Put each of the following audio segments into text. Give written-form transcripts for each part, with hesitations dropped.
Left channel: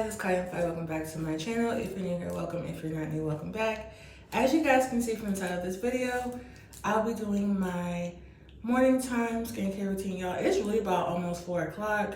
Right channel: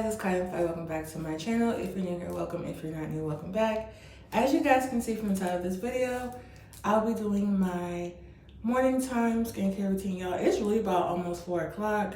guys, it's Kai and welcome back to my channel. If you're new here, welcome. If you're not new, welcome back. As you guys can see from the title of this video, I'll be doing my morning time skincare routine, y'all. It's really about almost 4 o'clock,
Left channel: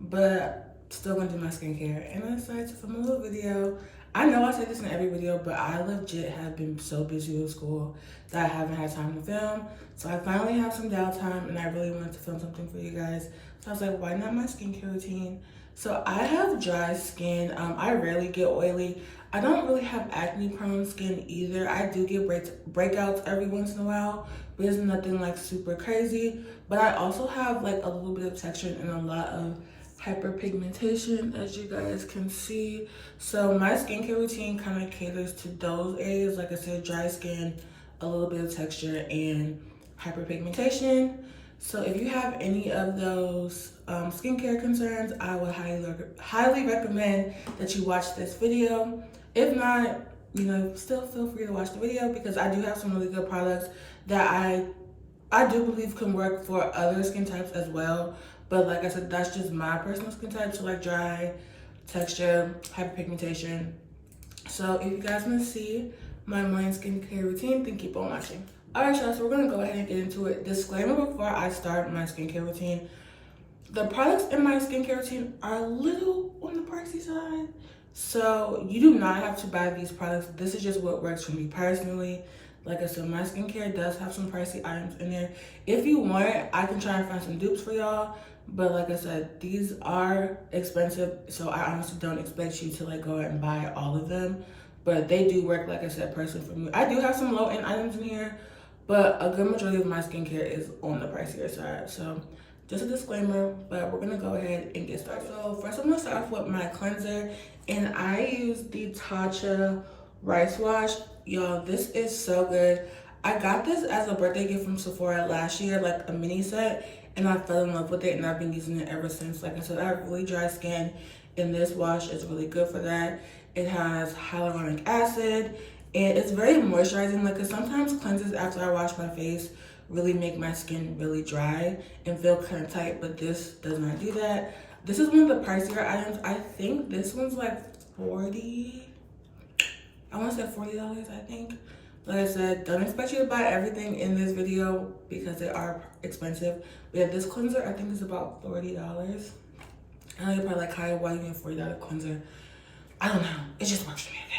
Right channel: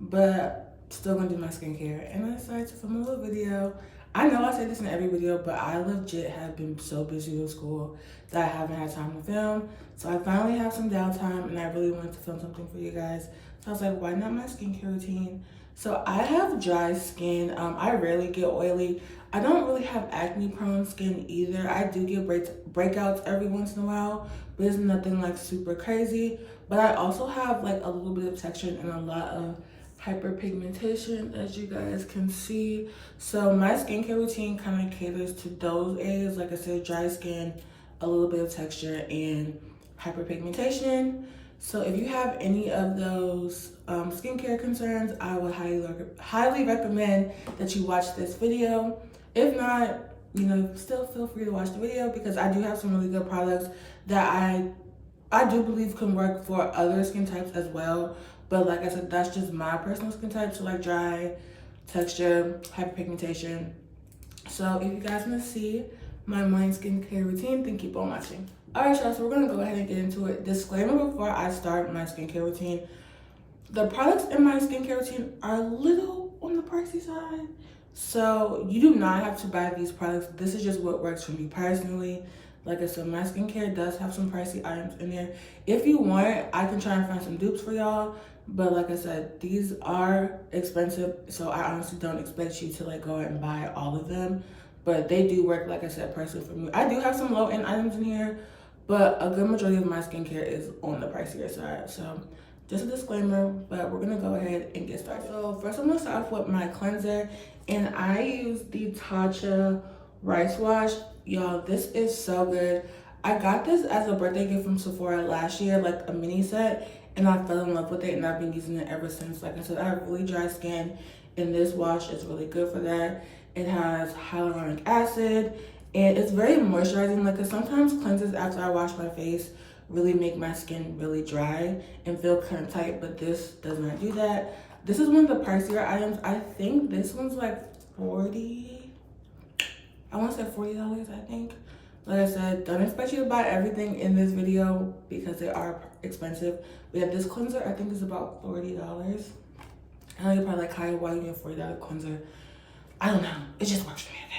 but still gonna do my skincare. And I decided to film a little video. I know I say this in every video, but I legit have been so busy with school that I haven't had time to film. So I finally have some downtime and I really wanted to film something for you guys. So I was like, why not my skincare routine? So I have dry skin. I rarely get oily. I don't really have acne prone skin either. I do get breakouts every once in a while, but it's nothing like super crazy. But I also have like a little bit of texture and a lot of hyperpigmentation, as you guys can see. So my skincare routine kind of caters to those areas. Like I said, dry skin, a little bit of texture, and hyperpigmentation. So if you have any of those skincare concerns, I would highly recommend that you watch this video. If not, you know, still feel free to watch the video because I do have some really good products that I do believe can work for other skin types as well. But like I said, that's just my personal skin type. So like dry, texture, hyperpigmentation. So if you guys want to see my morning skincare routine, then keep on watching. All right, y'all, so we're gonna go ahead and get into it. Disclaimer before I start my skincare routine. The products in my skincare routine are a little on the pricey side. So you do not have to buy these products. This is just what works for me personally. Like I said, my skincare does have some pricey items in there. If you want, I can try and find some dupes for y'all. But like I said, these are expensive. So I honestly don't expect you to like go out and buy all of them. But they do work, like I said, personally for me. I do have some low-end items in here, but a good majority of my skincare is on the pricier side. So just a disclaimer, but we're gonna go ahead and get started. So first I'm gonna start off with my cleanser, and I use the Tatcha Rice Wash. Y'all, this is so good. I got this as a birthday gift from Sephora last year, like a mini set, and I fell in love with it, and I've been using it ever since. Like I said, I have really dry skin, and this wash is really good for that. It has hyaluronic acid, and it's very moisturizing. Like, 'cause sometimes cleansers after I wash my face really make my skin really dry and feel kind of tight, but this does not do that. This is one of the pricier items. I think this one's like I want to say $40, I think. Like I said, don't expect you to buy everything in this video because they are expensive. But yeah, this cleanser I think is about $40. I know you're probably like, Kaya, why are you getting $40 cleanser? I don't know, it just works for me, okay?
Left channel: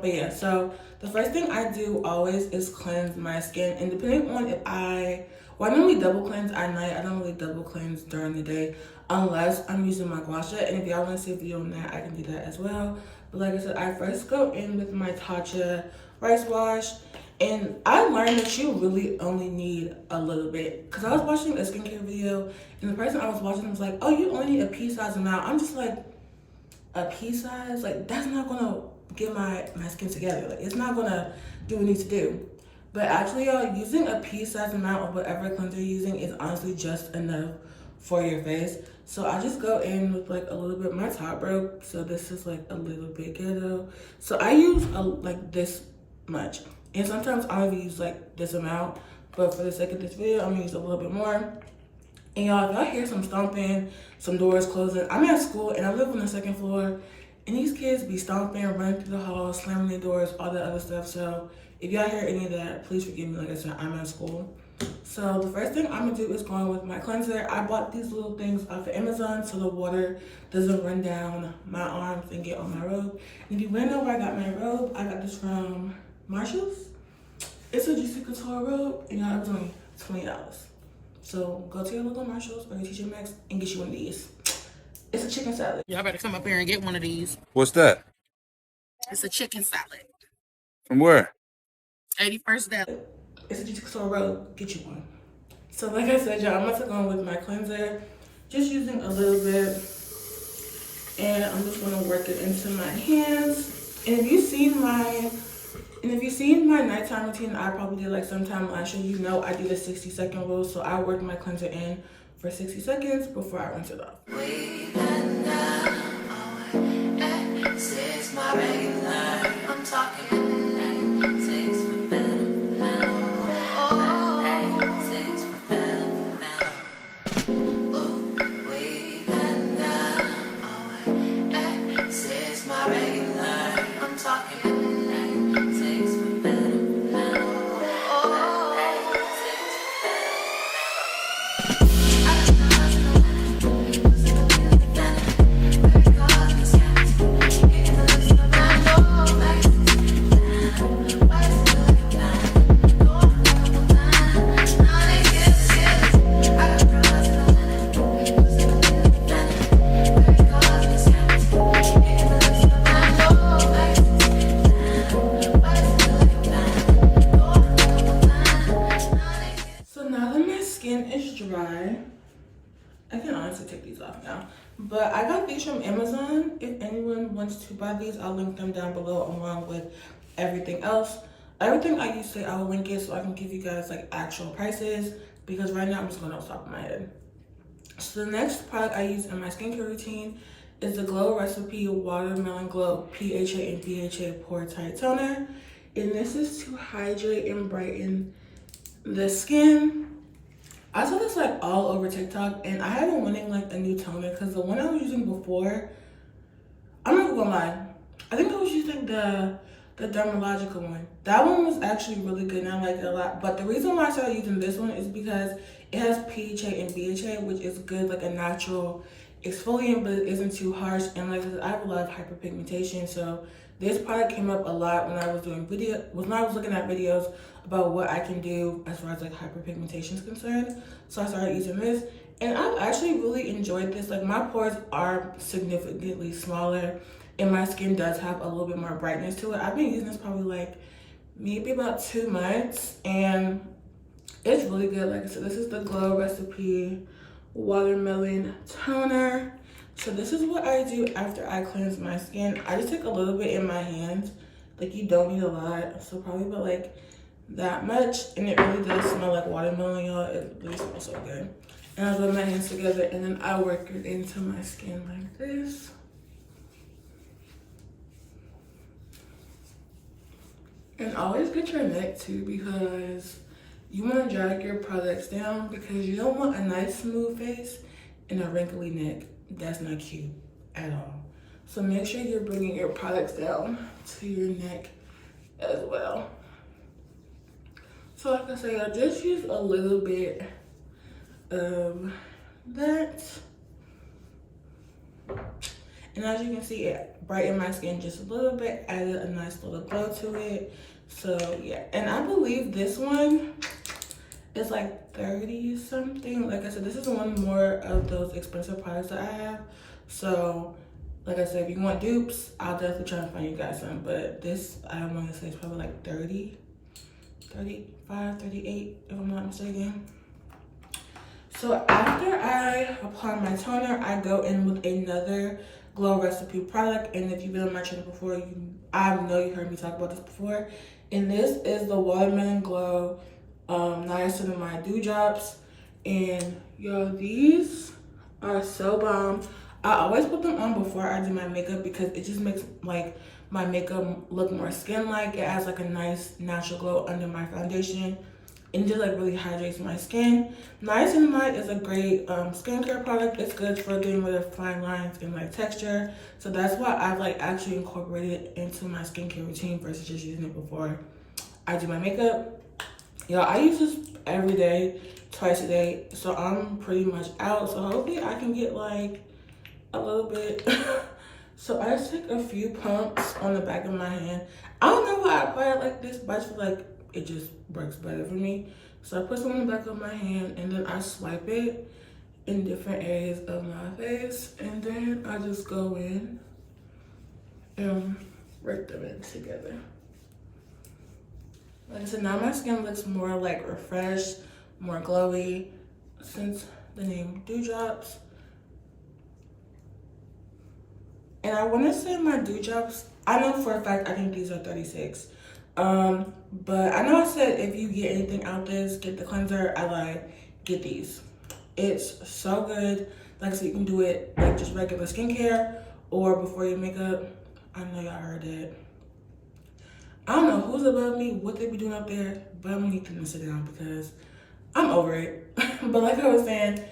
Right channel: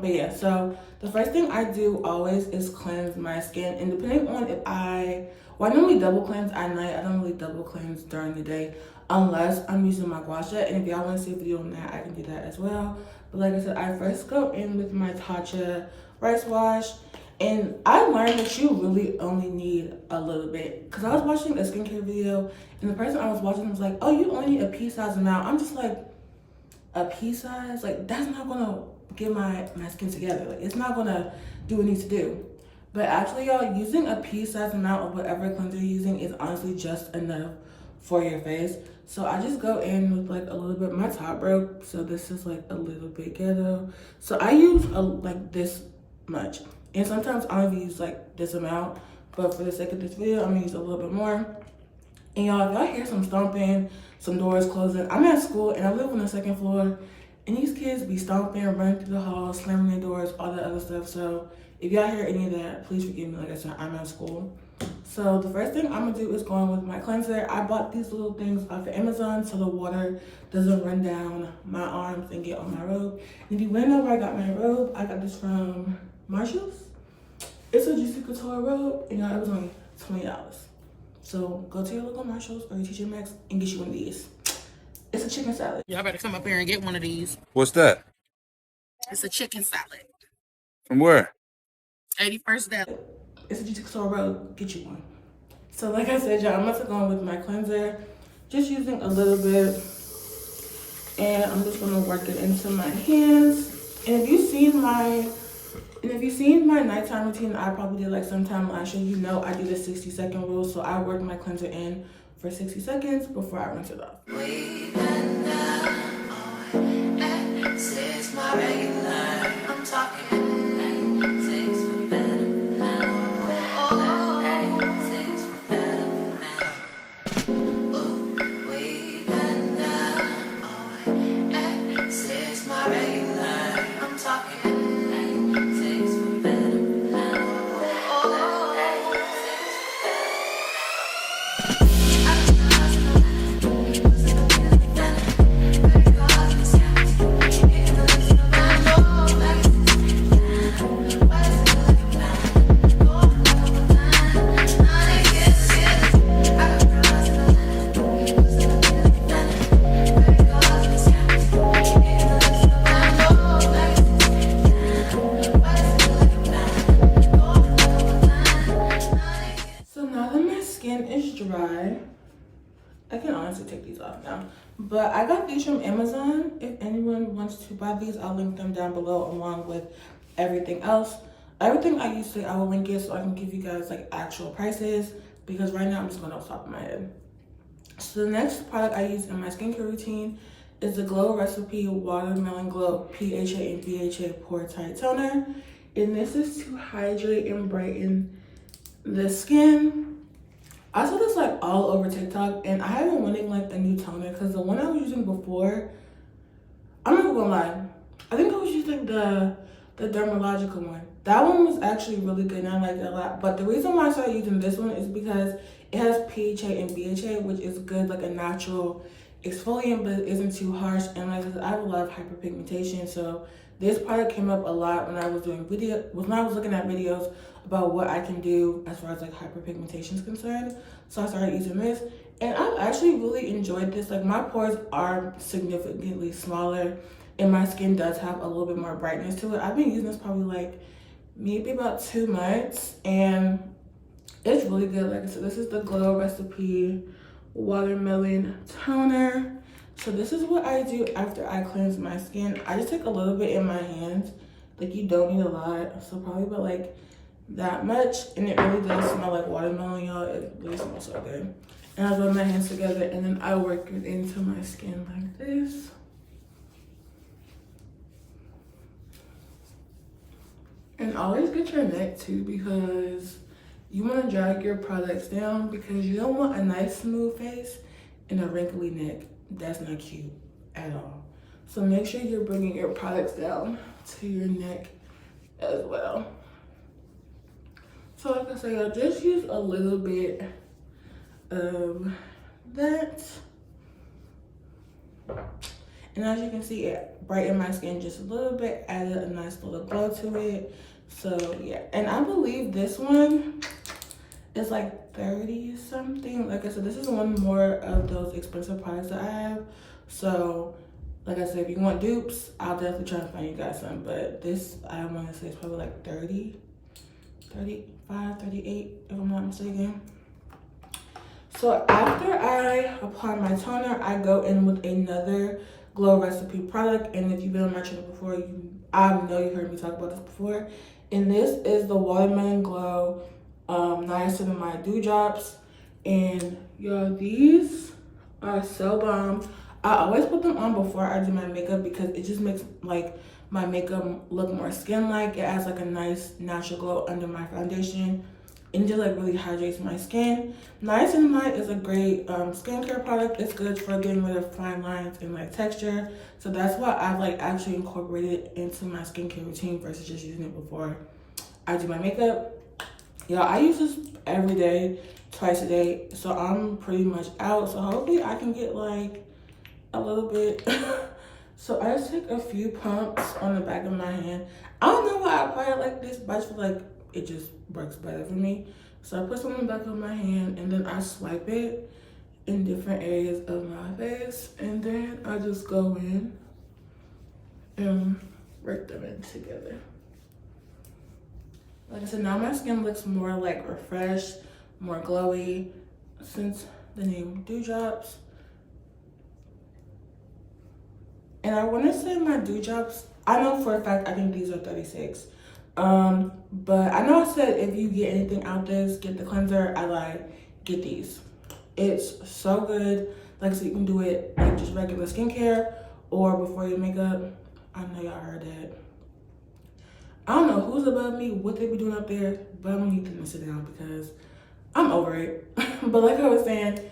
But yeah, so the first thing I do always is cleanse my skin, and depending on if I normally double cleanse at night. I don't really double cleanse during the day unless I'm using my gua sha, and if y'all want to see a video on that, I can do that as well. But like I said, I first go in with my Tatcha Rice Wash, and I learned that you really only need a little bit, because I was watching a skincare video and the person I was watching was like, oh, you only need a pea-sized amount. I'm just like, a pea size? Like, that's not gonna get my skin together. Like, it's not gonna do what it needs to do. But actually, y'all, using a pea size amount of whatever cleanser you're using is honestly just enough for your face. So I just go in with like a little bit. My top broke, so this is like a little bit ghetto. So I use like this much, and sometimes I only use like this amount, but for the sake of this video, I'm gonna use a little bit more. And y'all, if y'all hear some stomping, some doors closing, I'm at school and I live on the 2nd floor, and these kids be stomping, running through the halls, slamming their doors, all that other stuff. So if y'all hear any of that, please forgive me. Like I said, I'm at school. So the first thing I'm gonna do is go in with my cleanser. I bought these little things off of Amazon so the water doesn't run down my arms and get on my robe. And if you wanna know where I got my robe, I got this from Marshall's. It's a Juicy Couture robe, and y'all, it was only $20. So go to your local Marshalls or your TJ Maxx and get you one of these. It's a chicken salad. Y'all better come up here and get one of these. What's that? It's a chicken salad. From where? 81st Deli. It's a Juicy Couture robe. Get you one. So like I said, y'all, I'm about to go in with my cleanser. Just using a little bit. And I'm just gonna work it into my hands. And if you've seen my nighttime routine, I probably did like sometime last year, you know I do the 60-second rule. So I work my cleanser in for 60 seconds before I rinse it off. I'm talking. But I got these from Amazon. If anyone wants to buy these, I'll link them down below along with everything else. Everything I used to, I will link it so I can give you guys like actual prices, because right now I'm just going off the top of my head. So the next product I use in my skincare routine is the Glow Recipe Watermelon Glow PHA and BHA Pore Tight Toner. And this is to hydrate and brighten the skin. I saw this like all over TikTok, and I have been wanting like a new toner because the one I was using before, I'm not gonna lie, I think I was using the dermatological one. That one was actually really good and I liked it a lot. But the reason why I started using this one is because it has PHA and BHA, which is good, like a natural exfoliant, but it isn't too harsh. And like I said, I have a lot of hyperpigmentation, so this product came up a lot when I was doing when I was looking at videos about what I can do as far as like hyperpigmentation is concerned. So I started using this, and I've actually really enjoyed this. Like my pores are significantly smaller, and my skin does have a little bit more brightness to it. I've been using this probably like maybe about 2 months, and it's really good. Like I said, this is the Glow Recipe Watermelon Toner. So this is what I do after I cleanse my skin. I just take a little bit in my hands. Like, you don't need a lot, so probably about like that much. And it really does smell like watermelon, y'all. It really smells so good. And I rub my hands together, and then I work it into my skin like this. And always get your neck too, because you want to drag your products down, because you don't want a nice smooth face and a wrinkly neck. That's not cute at all. So make sure you're bringing your products down to your neck as well. So like I say, I just use a little bit of that. And as you can see, it brightened my skin just a little bit, added a nice little glow to it. So yeah, and I believe this one is like 30 something. Like I said, this is one more of those expensive products that I have. So like I said, if you want dupes, I'll definitely try to find you guys some. But this, I want to say, is probably like 30, 35, 38, if I'm not mistaken. So after I apply my toner, I go in with another Glow Recipe product. And if you've been on my channel before, I know you heard me talk about this before. And this is the Watermelon Glow Niacinamide Dew Drops. And y'all, these are so bomb. I always put them on before I do my makeup, because it just makes like my makeup look more skin-like. It adds like a nice natural glow under my foundation, and just like really hydrates my skin. Niacinamide is a great skincare product. It's good for getting rid of fine lines and like texture. So that's why I've like actually incorporated it into my skincare routine versus just using it before I do my makeup. Y'all, I use this every day, twice a day. So I'm pretty much out. So hopefully I can get like a little bit. So I just take a few pumps on the back of my hand. I don't know why I apply it like this, but I just feel like it just works better for me. So I put some on the back of my hand, and then I swipe it in different areas of my face, and then I just go in and work them in together. Like I said, now my skin looks more like refreshed, more glowy, since the name Dew Drops. And I want to say my Dew Drops, I know for a fact, I think these are 36. But I know I said if you get anything out this, get the cleanser. I like, get these. It's so good. Like, so you can do it like just regular skincare or before your makeup. I know y'all heard that. I don't know who's above me, what they be doing up there, but I'm gonna need them to sit down because I'm over it. But like I was saying,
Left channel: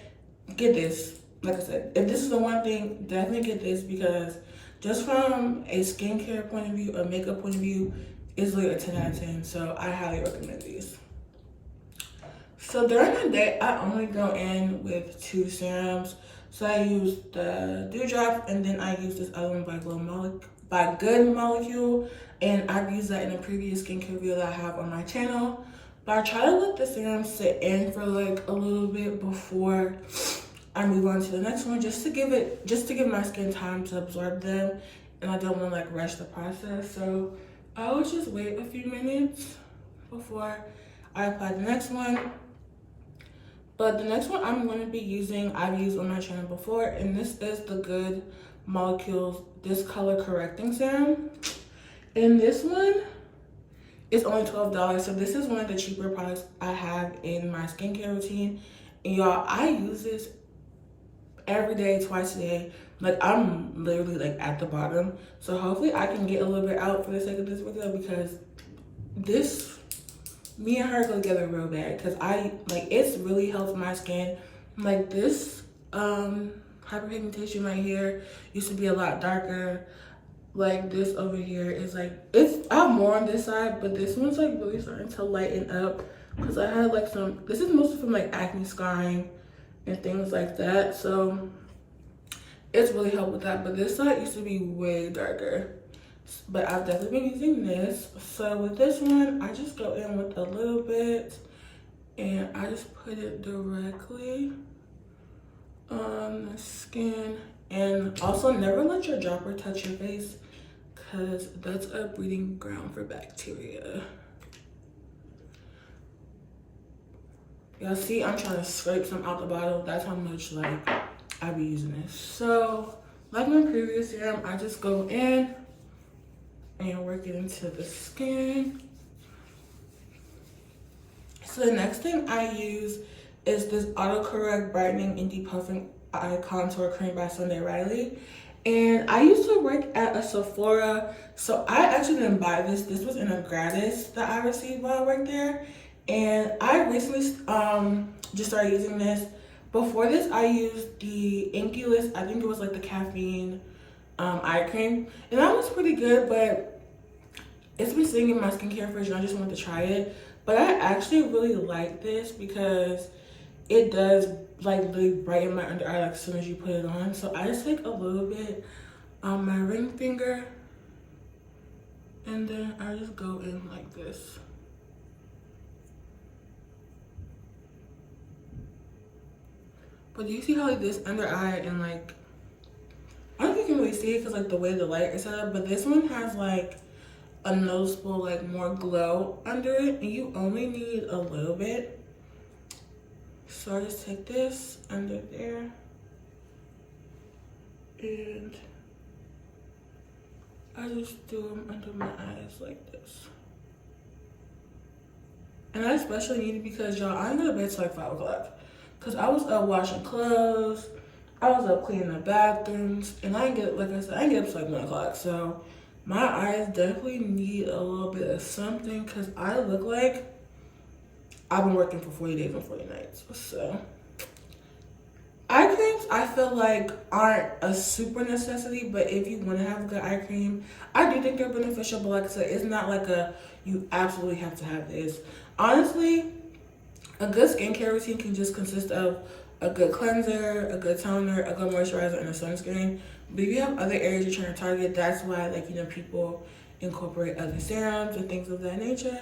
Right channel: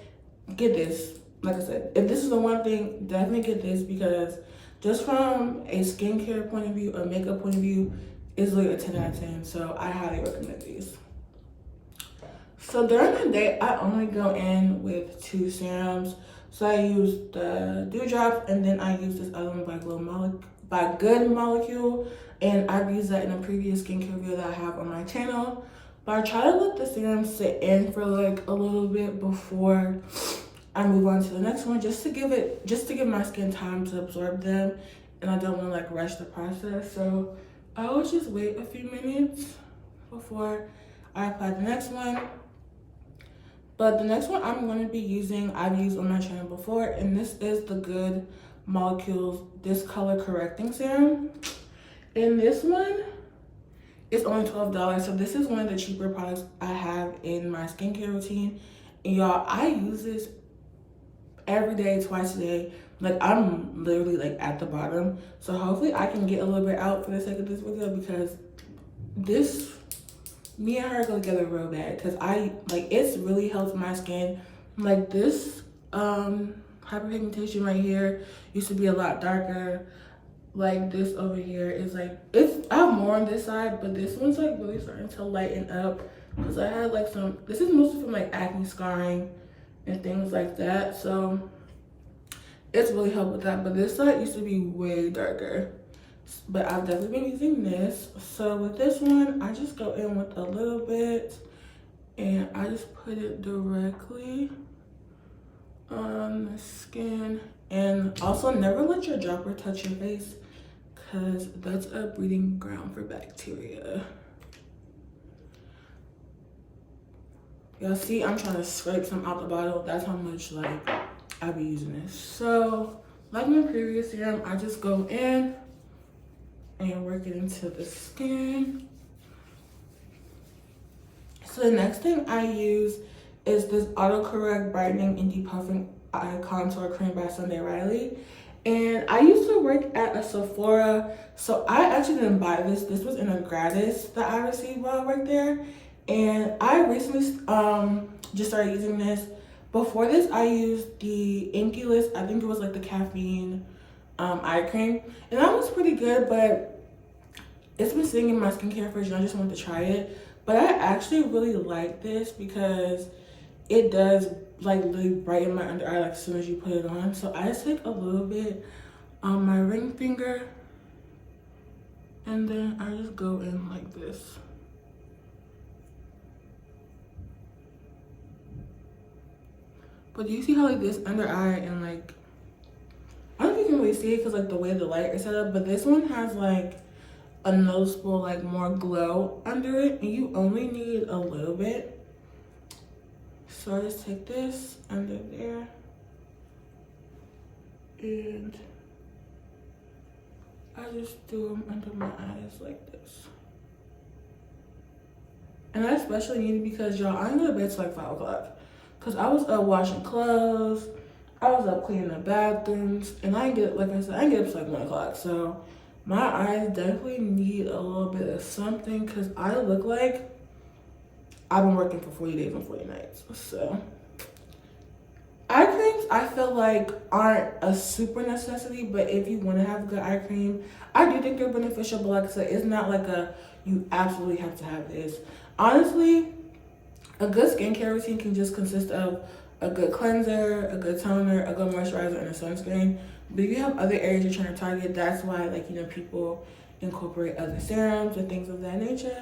get this. Like I said, if this is the one thing, definitely get this, because just from a skincare point of view, a makeup point of view, it's like a 10 out of 10. So I highly recommend these. So during the day, I only go in with 2 serums. So I use the Dew Drop, and then I use this other one by Good Molecule. And I've used that in a previous skincare video that I have on my channel. But I try to let the serum sit in for like a little bit before I move on to the next one, just to give my skin time to absorb them, and I don't want to like rush the process. So I always just wait a few minutes before I apply the next one. But the next one I'm going to be using, I've used on my channel before, and this is the Good Molecules Discolor Correcting Serum. And this one is only $12, so this is one of the cheaper products I have in my skincare routine. And y'all, I use this every day, twice a day. Like, I'm literally like at the bottom, so hopefully I can get a little bit out for the sake of this video, because this, me and her go together real bad, because I like, it's really helps my skin. Like, this hyperpigmentation right here used to be a lot darker. Like, this over here is like, it's, I have more on this side, but this one's like really starting to lighten up, because I had like some, this is mostly from like acne scarring and things like that, so it's really helped with that. But this side used to be way darker, but I've definitely been using this. So with this one, I just go in with a little bit and I just put it directly on the skin. And also, never let your dropper touch your face, because that's a breeding ground for bacteria. Y'all see, I'm trying to scrape some out the bottle. That's how much like I be using this. So like my previous serum, I just go in and work it into the skin. So the next thing I use is this autocorrect brightening and depuffing eye contour cream by Sunday Riley. And I used to work at a Sephora, so I actually didn't buy this. This was in a gratis that I received while I worked there. And I recently just started using this. Before this, I used the Inculus, I think it was like the caffeine eye cream. And that was pretty good, but it's been sitting in my skincare fridge and I just wanted to try it. But I actually really like this because it does like really brighten my under eye like as soon as you put it on. So I just take a little bit on my ring finger and then I just go in like this. But do you see how like this under eye and like, I don't think you can really see it because like the way the light is set up, but this one has like a noticeable like more glow under it, and you only need a little bit. So I just take this under there and I just do them under my eyes like this. And I especially need it because y'all, I didn't go to bed till like 5 o'clock. Cause I was up washing clothes, I was up cleaning the bathrooms, and I didn't get, like I said, I didn't get up till like 1 o'clock. So my eyes definitely need a little bit of something, cause I look like I've been working for 40 days and 40 nights. So eye creams, I feel like aren't a super necessity, but if you want to have a good eye cream, I do think they're beneficial. But like I said, it's not like a you absolutely have to have this. Honestly, a good skincare routine can just consist of a good cleanser, a good toner, a good moisturizer, and a sunscreen. But if you have other areas you're trying to target, that's why, like, you know, people incorporate other serums and things of that nature.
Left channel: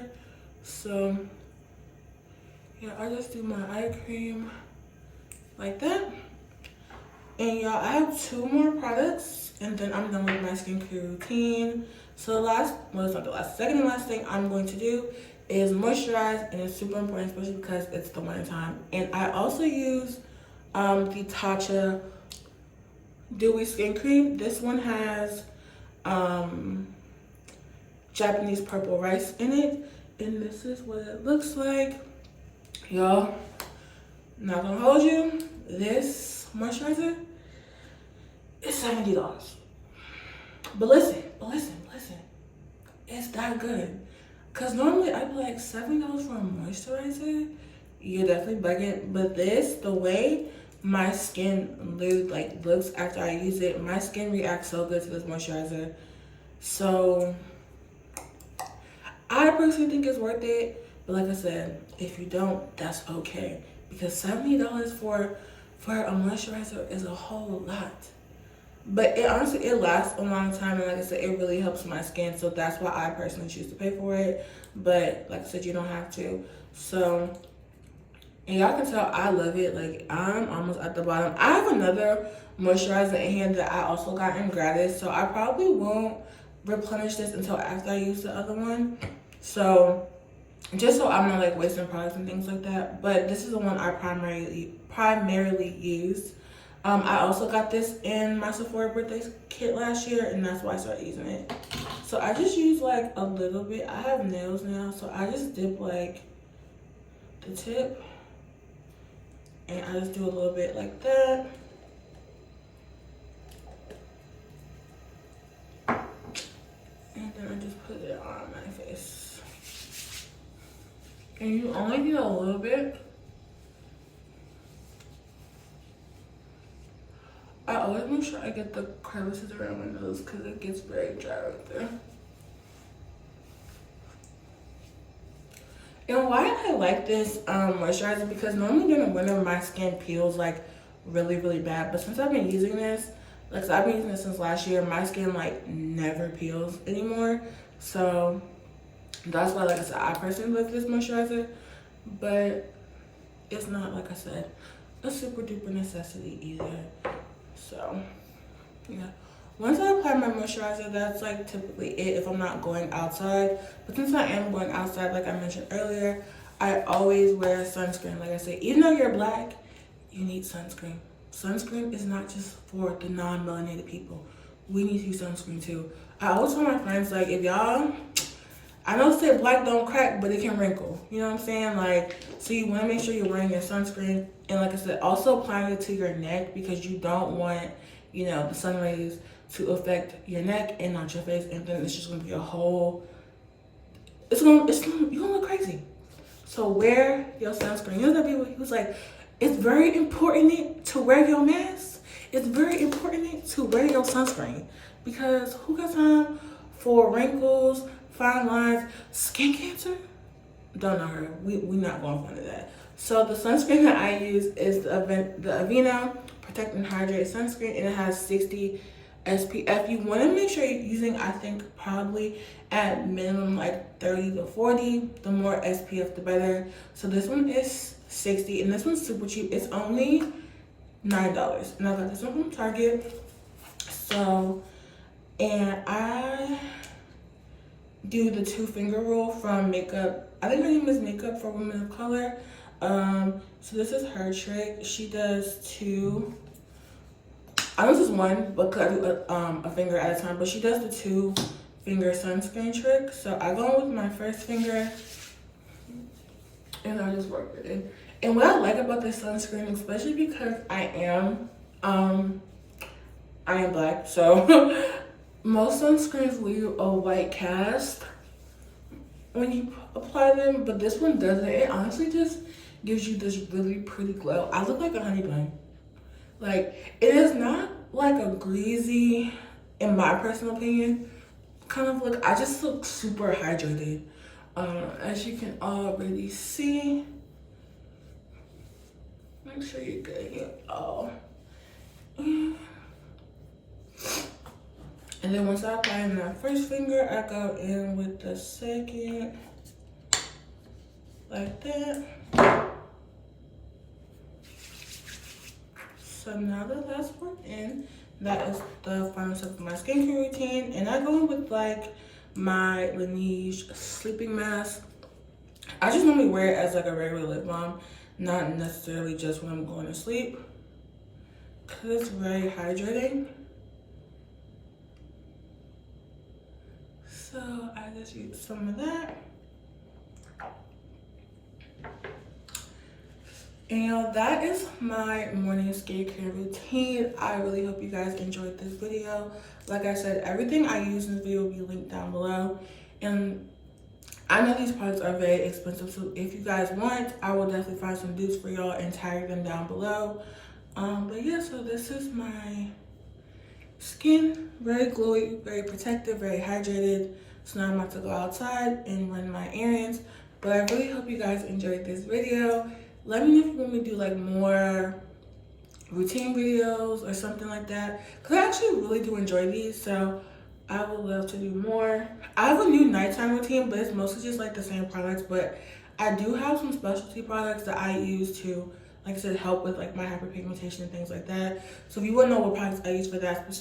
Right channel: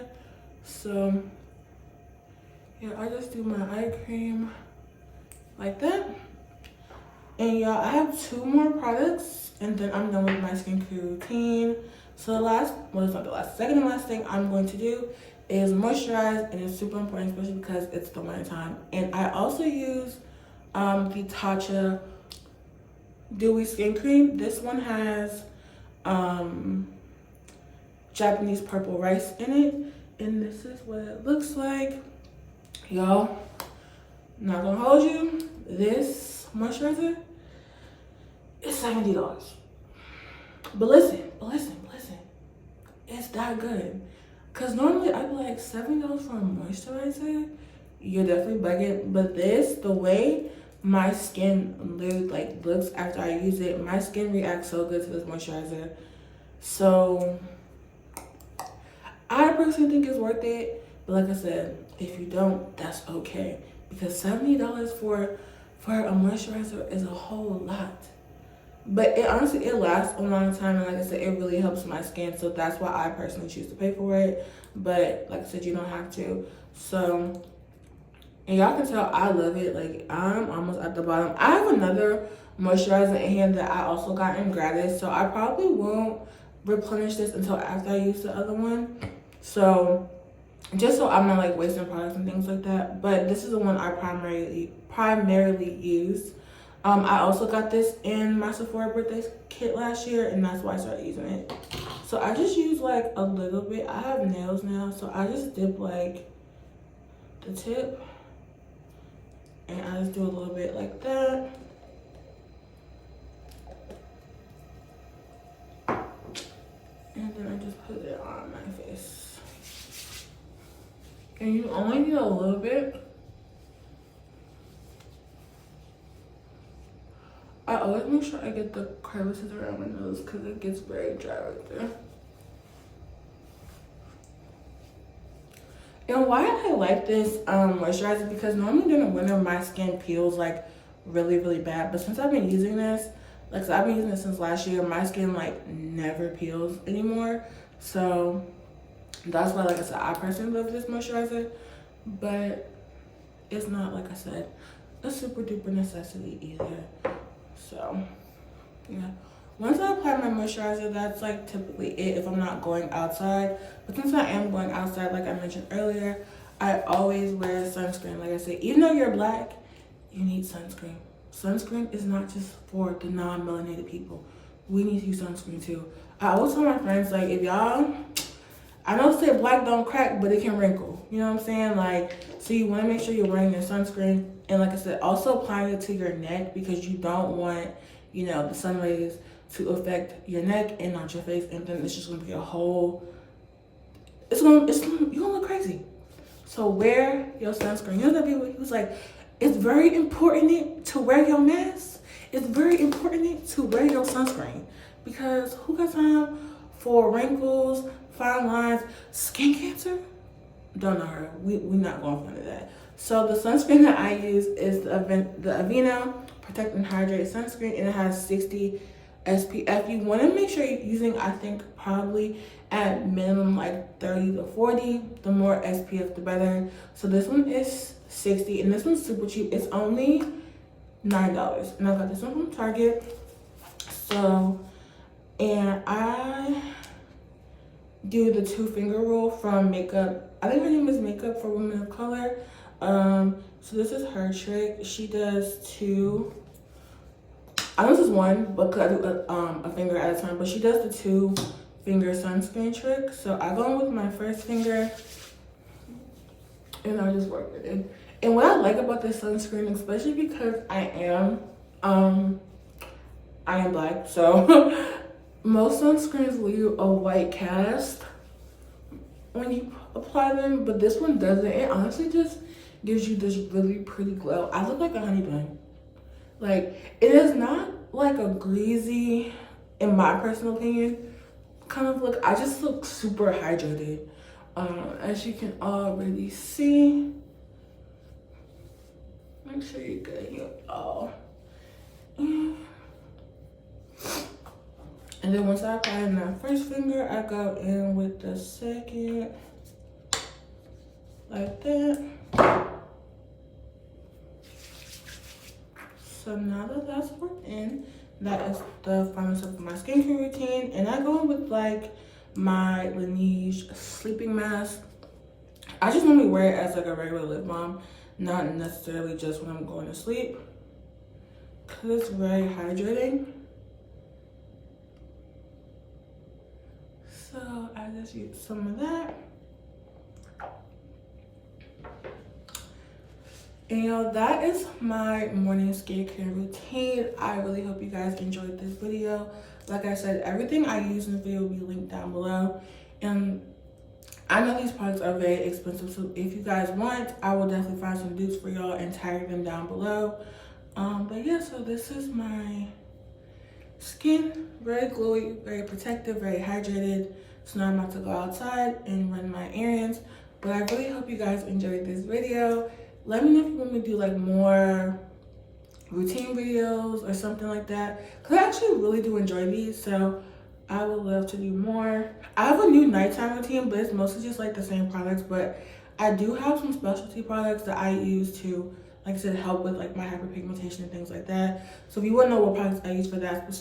So yeah, I just do my eye cream like that. And y'all, I have 2 more products and then I'm done with my skincare routine. So the last, well, it's not the last, second and last thing I'm going to do is moisturize, and it's super important, especially because it's the winter time. And I also use the Tatcha Dewy Skin Cream. This one has Japanese purple rice in it, and this is what it looks like. Y'all, not gonna hold you, this moisturizer is $70. But listen, it's that good. Cause normally I'd be like $7 for a moisturizer, you're definitely bugging. But this, the way my skin literally like looks after I use it, my skin reacts so good to this moisturizer. So I personally think it's worth it. But like I said, if you don't, that's okay. Because $70 for a moisturizer is a whole lot. But it honestly, it lasts a long time, and like I said, it really helps my skin. So that's why I personally choose to pay for it. But like I said, you don't have to. So, and y'all can tell I love it. Like, I'm almost at the bottom. I have another moisturizer in here that I also got in gratis, so I probably won't replenish this until after I use the other one. So just so I'm not like wasting products and things like that. But this is the one I primarily use. I also got this in my Sephora birthday kit last year, and that's why I started using it. So I just use like a little bit. I have nails now, so I just dip like the tip, and I just do a little bit like that. And then I just put it on my face. And you only need a little bit. I always make sure I get the crevices around my nose because it gets very dry right there. And why I like this moisturizer, because normally during the winter my skin peels like really bad, but since I've been using this, like, so I've been using this since last year, my skin like never peels anymore. So that's why, like I said, I personally love this moisturizer, but it's not, like I said, a super duper necessity either. So yeah, once I apply my moisturizer, that's like typically it if I'm not going outside. But since I am going outside, like I mentioned earlier, I always wear sunscreen. Like I said, even though you're black, you need sunscreen. Sunscreen is not just for the non-melanated people. We need to use sunscreen too. I always tell my friends, like, if y'all, I know say black don't crack, but it can wrinkle. You know what I'm saying? Like, so you want to make sure you're wearing your sunscreen. And like I said, also applying it to your neck, because you don't want, you know, the sun rays to affect your neck and not your face. And then it's just going to be a whole, you're going to look crazy. So wear your sunscreen. You know that people, he was like, it's very important to wear your mask. It's very important to wear your sunscreen, because who got time for wrinkles, fine lines, skin cancer? Don't know her. We're not going for that. So the sunscreen that I use is the AVEENO Protect and Hydrate sunscreen, and it has 60 SPF. You want to make sure you're using, I think, probably at minimum like 30 to 40. The more SPF, the better. So this one is 60, and this one's super cheap. It's only $9, and I got this one from Target. So, and I do the 2-finger rule from Makeup. I think her name is Makeup for Women of Color. So this is her trick. She does 2. I know this is 1, but I do a finger at a time. But she does the 2-finger sunscreen trick. So I go in with my first finger, and I just work with it. And what I like about this sunscreen, especially because I am black, so most sunscreens leave a white cast when you apply them, but this one doesn't. It honestly just gives you this really pretty glow. I look like a honey bun. Like, it is not like a greasy, in my personal opinion, kind of look. I just look super hydrated. As you can already see. Make sure you get your all. And then once I apply my first finger, I go in with the second, like that. So now that that's worked in, that is the final step of my skincare routine. And I go in with like my Laneige sleeping mask. I just normally wear it as like a regular lip balm, not necessarily just when I'm going to sleep, because it's very hydrating. So I just use some of that. And that is my morning skincare routine. I really hope you guys enjoyed this video. Like I said, everything I use in this video will be linked down below. And I know these products are very expensive, so if you guys want, I will definitely find some dupes for y'all and tag them down below. But yeah, so this is my skin, very glowy, very protective, very hydrated. So now I'm about to go outside and run my errands. But I really hope you guys enjoyed this video. Let me know if you want me to do like more routine videos or something like that, because I actually really do enjoy these, so I would love to do more. I have a new nighttime routine, but it's mostly just like the same products, but I do have some specialty products that I use to, like I said, help with like my hyperpigmentation and things like that. So if you want to know what products I use for that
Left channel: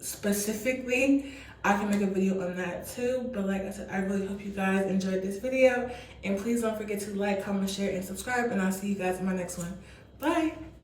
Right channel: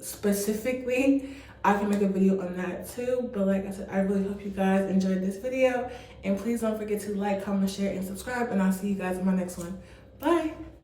specifically, I can make a video on that too. But like I said, I really hope you guys enjoyed this video. And please don't forget to like, comment, share, and subscribe. And I'll see you guys in my next one. Bye.